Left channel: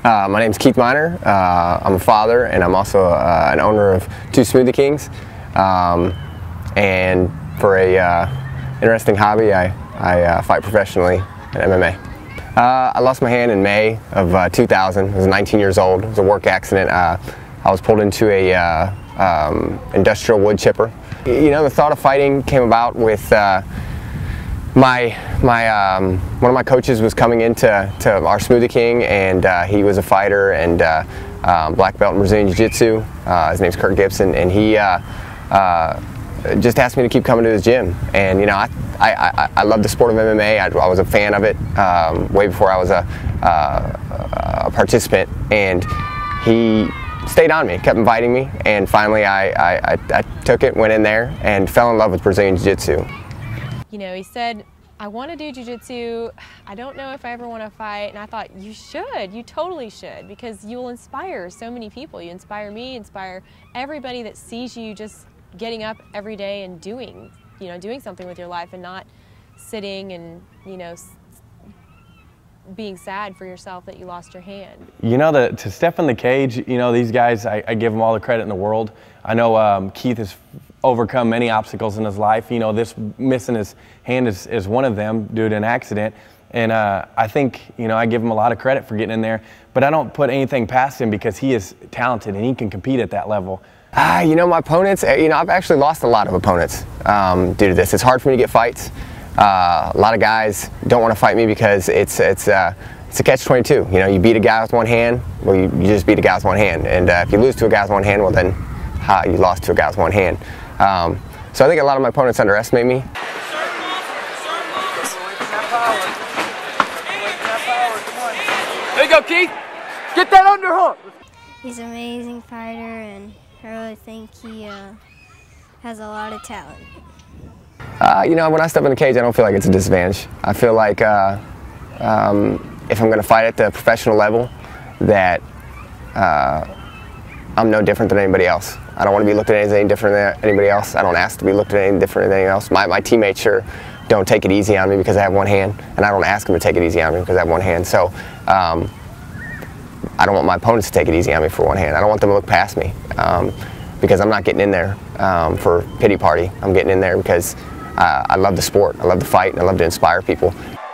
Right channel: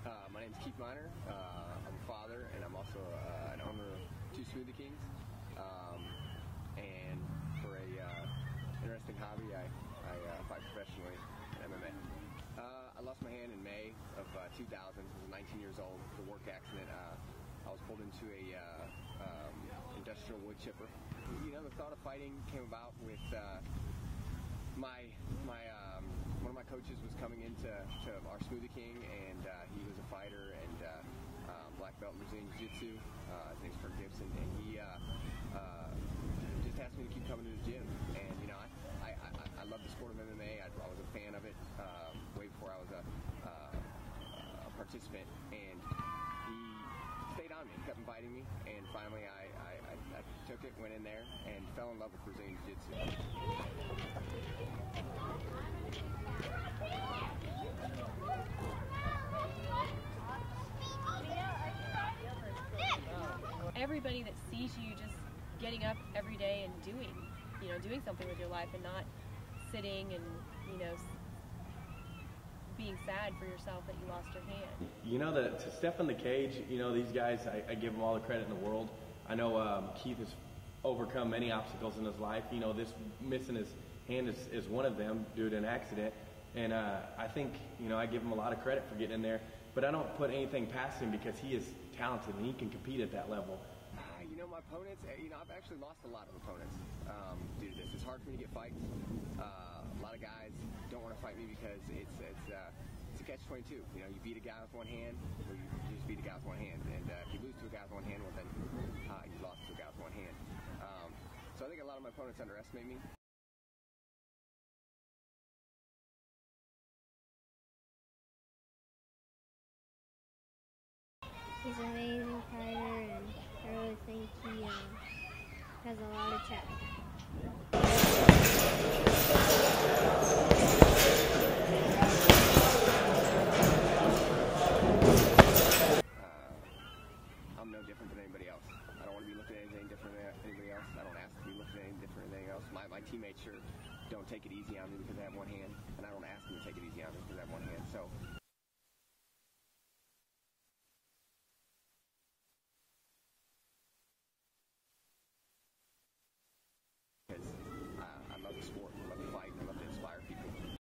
My name's Keith Miner. I'm a father, and I'm also an owner of two Smoothie Kings. And for a interesting hobby, I fight professionally in MMA. I lost my hand in May of 2000. I was 19 years old. It was a work accident. I was pulled into a industrial wood chipper. You know, the thought of fighting came about with one of my coaches was coming into our Smoothie King, and he was a fighter and black belt in Brazilian Jiu-Jitsu. His name's Kurt Gibson, and he just asked me to keep coming to his gym. And you know, I love the sport of MMA. I was a fan of it way before I was a participant, and he stayed on me, kept inviting me, and finally I took it, went in there, and fell in love with Brazilian Jiu-Jitsu. You know, he said, I want to do jiu-jitsu, I don't know if I ever want to fight, and I thought, you should, you totally should, because you will inspire so many people. You inspire me, inspire everybody that sees you just getting up every day and doing something with your life and not sitting and, you know, being sad for yourself that you lost your hand. You know, to step in the cage, you know, these guys, I give them all the credit in the world. I know Keith has overcome many obstacles in his life. You know, this missing his hand is one of them due to an accident. And I think, you know, I give him a lot of credit for getting in there, but I don't put anything past him because he is talented and he can compete at that level. You know, my opponents, you know, I've actually lost a lot of opponents due to this. It's hard for me to get fights. A lot of guys don't want to fight me because it's a catch-22. You know, you beat a guy with one hand, well, you just beat a guy with one hand. And if you lose to a guy with one hand, well then, you lost to a guy with one hand. So I think a lot of my opponents underestimate me. There you go, Keith. Get that underhook. He's an amazing fighter, and I really think he has a lot of talent. You know, when I step in the cage, I don't feel like it's a disadvantage. I feel like if I'm going to fight at the professional level, that I'm no different than anybody else. I don't want to be looked at as any different than anybody else. I don't ask to be looked at any different than anyone else. My teammates sure don't take it easy on me because I have one hand, and I don't ask them to take it easy on me because I have one hand. So I don't want my opponents to take it easy on me for one hand. I don't want them to look past me because I'm not getting in there for pity party. I'm getting in there because I love the sport, I love the fight, and I love to inspire people.